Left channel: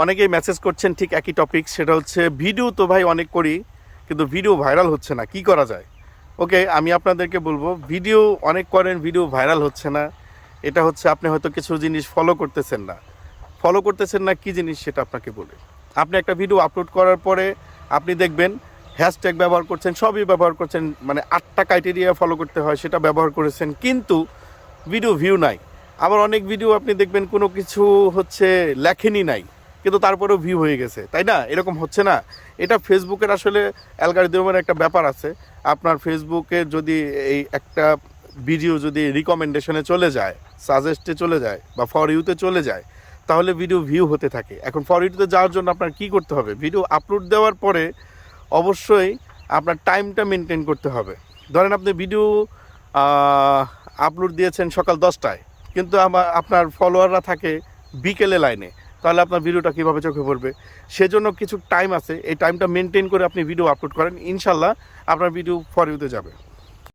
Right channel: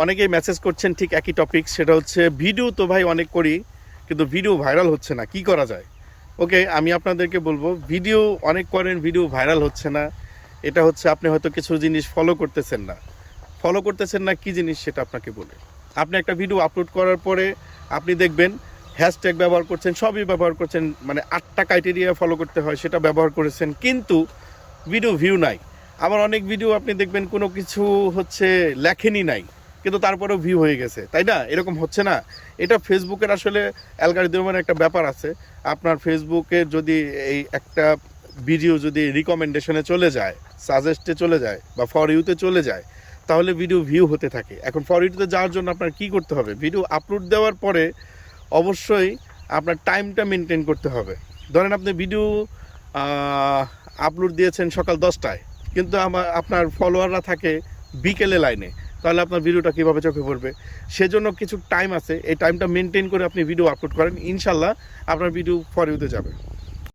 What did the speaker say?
অনেকেই মেসেজ করছেন ঠিক একই টপিক, সেটা হচ্ছে ভিডিও তো ভাই অনেক করি কিন্তু ভিডিও ভাইরাল হচ্ছে না, কি করা যায়? ওকে, আমি আপনাদেরকে বলবো, ভিডিও অনেক করেন, ভিডিও ভাইরাল হচ্ছে না, এটা হচ্ছে আপনি হয়তো কিছু জিনিস ফলো করতেছেন না কি জিনিস সেটা আপনাকে বলি। আপনি একটা ভিডিও আপলোড করার পরে আপনি দেখবেন হ্যাশট্যাগ ব্যবহার করছেন, সবই ব্যবহার করছেন, মানে 8টা ক্রাইটেরিয়া ফলো করতে হয় সেটা ব্যবহার করেছেন, কিন্তু ভিডিও ভিউ নাই। আবার অনেক ভিডিও আপনি দেখবেন কোনো কিছু হচ্ছে লেখেনি নাই, কিন্তু তারপরেও ভিউ হয়ে গেছে, তাই না? এরকম হচ্ছে না? এটা ফেসবুকের আসলে অ্যালগরিদমের একটা ব্যাপার আছে। আপনার ফেসবুকে যদি এই একটা ভিডিও যদি রিকমেন্ডেশনে চলে যায়, সাজেস্টে চলে যায় বা ফর ইউতে চলে যায়, তাহলে ভিডিও ভিউ হতে থাকে। এখন ফর ইউতে যাওয়ার জন্য আপনার কি করতে হবে? ভিডিও আপলোড দেওয়ার পরে অবশ্যই আপনার টাইমটা মেনটেন করতে হবে। ধরেন আপনি ভিডিও আপলোড দিয়েছেন সকাল 10টায়, কিন্তু আপনার ফলোয়াররা থাকে বিকেলে লাইনে, তাহলে আপনার ভিডিওটা কীভাবে চোখে পড়বে? সেজন্য কিছু টাইম আছে, এই টাইমটা মেনটেন করে আপনি ভিডিও আপলোড করেন, ইনশাল্লাহ আপনার ভিডিও ফর ইউতে যাবে।